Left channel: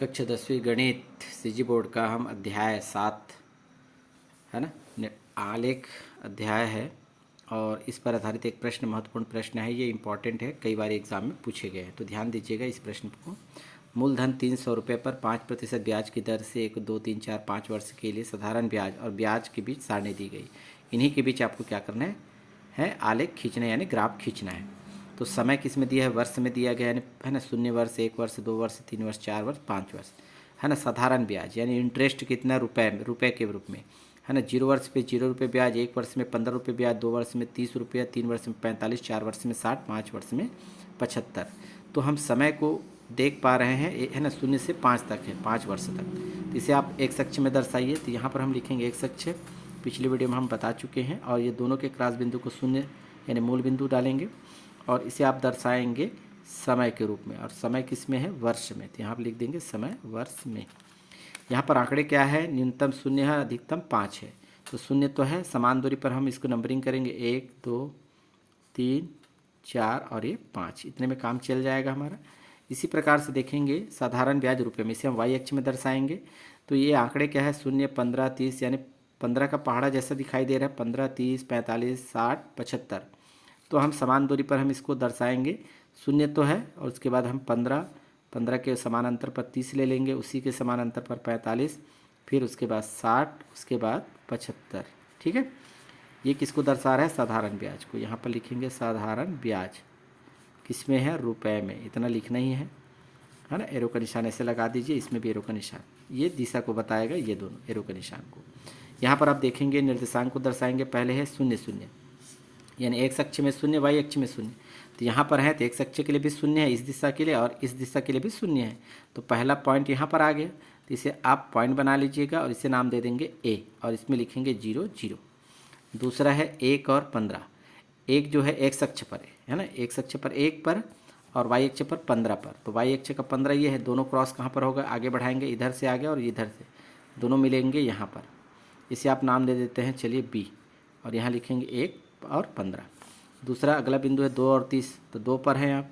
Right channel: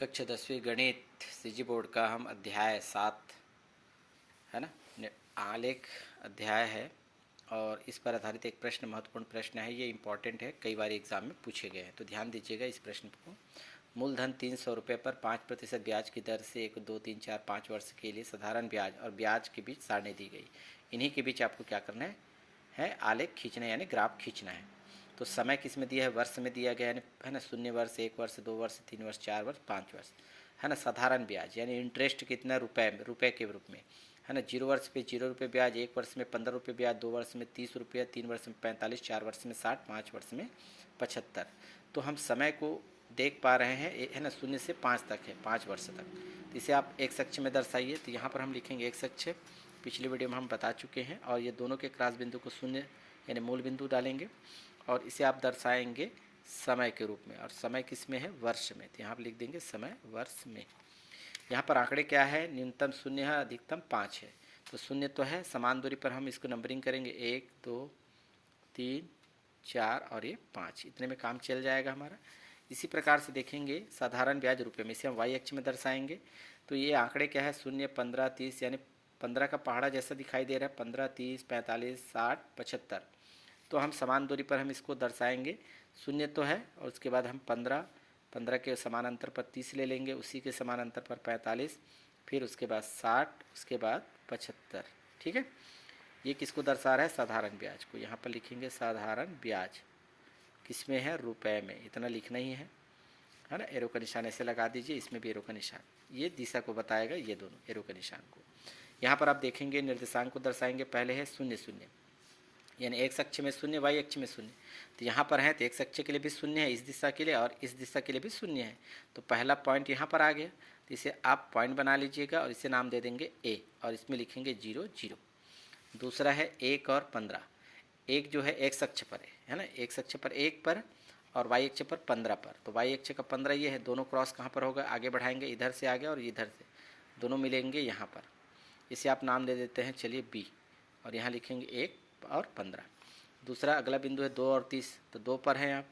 कक्षा 10वीं गणित सीजी बोर्ड का हम अध्याय 7 है ना, आलेख अध्याय है और इस पर आधारित एक प्रश्न महत्वपूर्ण प्रश्न है। ये इम्पॉर्टेंट है, कई बार एग्जाम में पूछे गए हैं, तो ध्यान दीजिएगा इस प्रश्न को। मूलधन 300 रुपये पर 5% ब्याज की दर से 1, 2, 3, 4, 5 वर्ष के लिए साधारण ब्याज और ब्याज के बीच सारणी दी गई। इन्हीं के बीच आपको क्या करना है आलेख खींचना है, यानी ग्राफ खींचना है। तो समय किस में दिया है, वर्ष में दिया गया है ना, 0 वर्ष, 1 वर्ष, 2 वर्ष, 3 वर्ष, 4 वर्ष, 5 वर्ष है ना। साधारण ब्याज यानी इंटरेस्ट कितना, रुपए के रूप में है ना। 0 वर्ष पे 0 रुपये ब्याज, 1 वर्ष में 15 रुपये ब्याज, 2 वर्ष में 30 रुपया, 3 वर्ष में 45, 4 वर्ष में 60, 5 वर्ष में 75। तो हम समय को देख पा रहे हैं है ना, 0 से 5 तक है, 5 वर्ष तक। तो इसे आप एक सक्ष में दर्शाइए। तो यहाँ पर हम लिखेंगे एक सक्ष, पिछले वीडियो में हम बता चुके हैं। और ये दोनों के क्रॉस बिंदु को 0 यानी मूल बिंदु डालेंगे और इसे आप दर्शाएंगे समय के रूप में। और समय किस में है, वर्ष में। तो यहाँ पर लिख देंगे समय वर्ष में। यहाँ पर आंकड़े क्या है, न्यूनतम 0 है, अधिकतम 5 है। तो 0 तो है, समान दूरी पर हम इसको नंबरिंग करेंगे 1, 2, 3, 4 और ये 5, इतने में काम चल जाएगा हमारा। इसी प्रकार से देखेंगे साधारण ब्याज रुपये में, इसे हम वाई अक्ष में दर्शाएंगे। तो ये आंकड़े क्या है, 0, 15, 30 यानी 15 का पहाड़ा जैसा दिखाई दे रहा है, 15, 30, 45, 60, 75। तो हम समान दूरी पर हम इसको दर्शाएंगे। 0 तो है और उसके बाद हम 15 के समान अंतर पर 30 ले लेंगे, उसी के समान अंतर पर 45, फिर उसके बाद 60, उसके बाद 75। ठीक है, ये किसको दर्शा रहा है, साधारण ब्याज को। यहाँ पर लिखेंगे साधारण ब्याज किस में है, रुपए में। इतना लिखना ही है ना। एरो का निशान ऐसे लगा दीजिए, इसमें भी एरो का निशान, ये दिशा को बताएगा, ये दोनों एरो का निशान को। यहाँ पर आप देखेंगे निर्देशांक को दर्शाएंगे। पहले है 0, 0 यानी एक्स अक्ष में 0, वाई अक्ष में 0। तो यहाँ पर है तो एक्स अक्ष के लिए भी 0 है इस दिशा के लिए, और इस दिशा के लिए भी 0 है। तो पहला पॉइंट यहाँ पर आ गया, तो इसे आप पॉइंट बना लीजिएगा और इसे नाम दे देंगे ए, और इसमें लिखेंगे 0, 0। दूसरा है 1 और 15। एक जो है एक्स अक्ष पर है ना, एक्स अक्ष पर 1 पर और वाई अक्ष पर 15 पर। तो वाई अक्ष का 15 ये है, दोनों क्रॉस कहाँ पर होगा, आगे बढ़ाएंगे, इधर से आगे और इधर से, दोनों मिलेंगे यहाँ पर। इसे आप नाम दे देते हैं चलिए बी, और यहाँ लिखेंगे 1 और 15। दूसरा अगला बिंदु है 2 और 30, तो 2 पर है आप,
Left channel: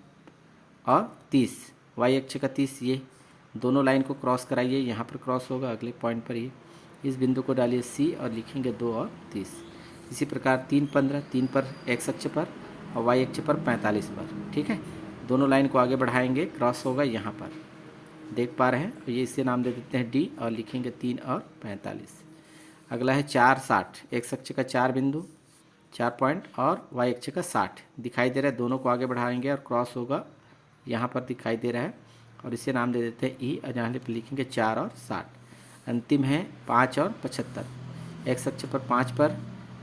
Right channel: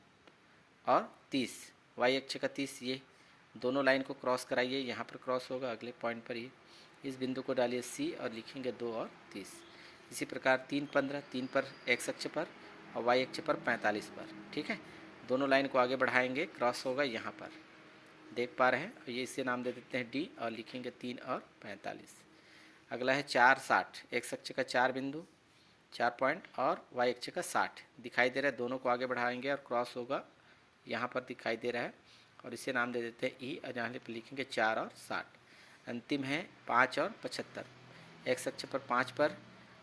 और 30 वाई अक्ष का 30, ये दोनों लाइन को क्रॉस कराइए, यहाँ पर क्रॉस होगा अगले पॉइंट पर ही। इस बिंदु को डालिए सी और लिखेंगे 2 और 30। इसी प्रकार 3, 15, 3 पर एक्स अक्ष पर और वाई अक्ष पर 45 पर। ठीक है, दोनों लाइन को आगे बढ़ाएंगे, क्रॉस होगा यहाँ पर, देख पा रहे हैं। ये इसे नाम दे देते हैं डी और लिखेंगे 3 और 45। अगला है 4, 60, एक्स अक्ष का 4 बिंदु, 4 पॉइंट और वाई अक्ष का 60 दिखाई दे रहा है, दोनों को आगे बढ़ाएंगे और क्रॉस होगा यहाँ पर दिखाई दे रहा है, और इसे नाम दे देते हैं ई, और यहाँ पर लिखेंगे 4 और 60। अंतिम है 5 और 75, एक्स अक्ष पर 5 पर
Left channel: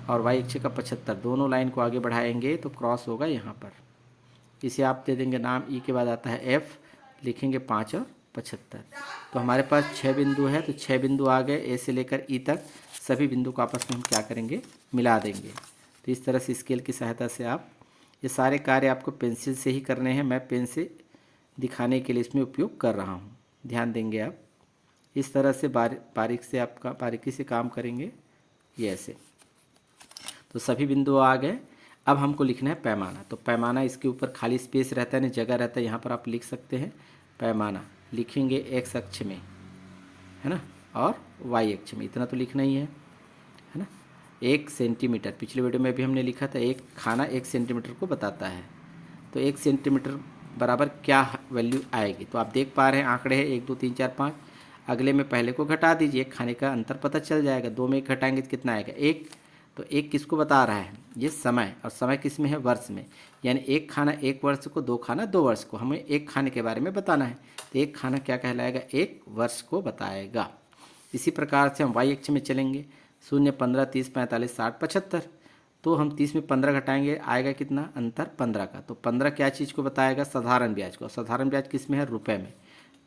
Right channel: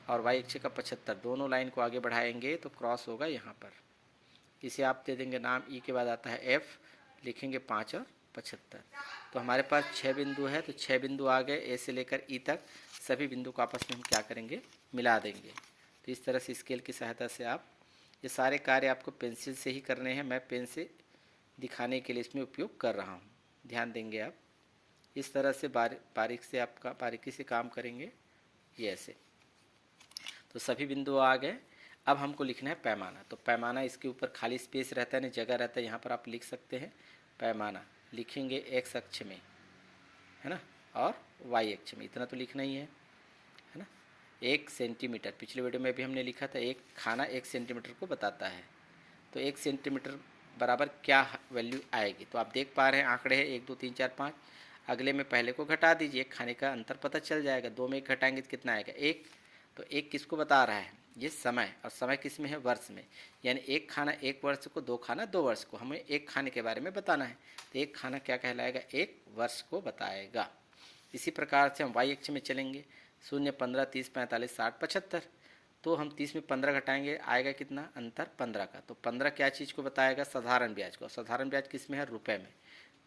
और वाई अक्ष का 75, दोनों लाइन को आगे बढ़ाएंगे तो क्रॉस होगा यहाँ पर। इसे आप दे देंगे नाम, ई के बाद आता है एफ, लिखेंगे 5 और 75। तो हमारे पास 6 बिंदु है, तो 6 बिंदु आ गए, ए से लेकर ई तक सभी बिंदु को आपस में हम क्या करेंगे, मिला देंगे। तो इस तरह से स्केल की सहायता से आप ये सारे कार्य आपको पेंसिल से ही करने हैं, मैं पेन से दिखाने के लिए इसमें उपयोग कर रहा हूँ। ध्यान देंगे आप, इस तरह से बारीकी से काम करेंगे, ये ऐसे। तो सभी बिंदु आ गए। अब हमको लिखना है पैमाना। तो पैमाना, इसके ऊपर खाली स्पेस रहता है ना, जगह रहता है, यहाँ पर आप लिख सकते हैं पैमाना, लिखेंगे एक्स अक्ष में है ना, और वाई अक्ष में, इतना तो लिखना ही है ना। 1 सेंटीमीटर, पिछले वीडियो में भी हमने लिखा था, एक खाना 1 सेंटीमीटर को बताता है। तो 1 सेंटीमीटर बराबर क्या वैल्यू आएगी, तो आप देख पा रहे हैं आंकड़े हैं 1, 2, 3, 4, 5। अगले में पहले को घटा दीजिए, खाने का अंतर पता चल जाएगा। 2 में 1 घटाएंगे तो कितना आएगा, 1। तो 1 किसको बता रहा है, ये समय, और समय किस में है, वर्ष में। यानी 1 खाना 1 वर्ष को, 2 खाना 2 वर्ष को, हमें 1 खाने के बारे में बताना है। तो 1 खाना क्या कहलाएगा, 1 वर्ष को बताएगा। इसी प्रकार से हम वाई अक्ष में चलेंगे, 0, 15, 30, 45, 60, 75। तो हम 30 में 15 घटाएंगे, आएगा कितना, अंतर 15 का। तो 15 क्या चीज़ को बताएगा, साधारण ब्याज को। साधारण ब्याज किस में है, रुपए में।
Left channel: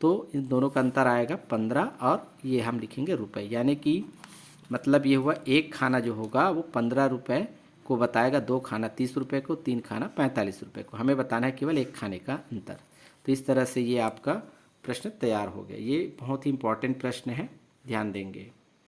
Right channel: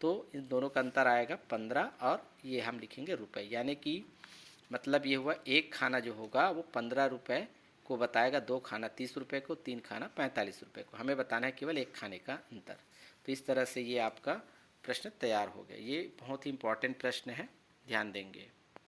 तो इन दोनों का अंतर आएगा 15, और ये हम लिखेंगे रुपए। यानी कि मतलब ये हुआ, 1 खाना जो होगा वो 15 रुपये को बताएगा, 2 खाना 30 रुपये को, 3 खाना 45 रुपये को। हमें बताना है केवल 1 खाने का अंतर। तो इस तरह से ये आपका प्रश्न तैयार हो गया। ये बहुत ही इंपॉर्टेंट प्रश्न है, ध्यान देंगे।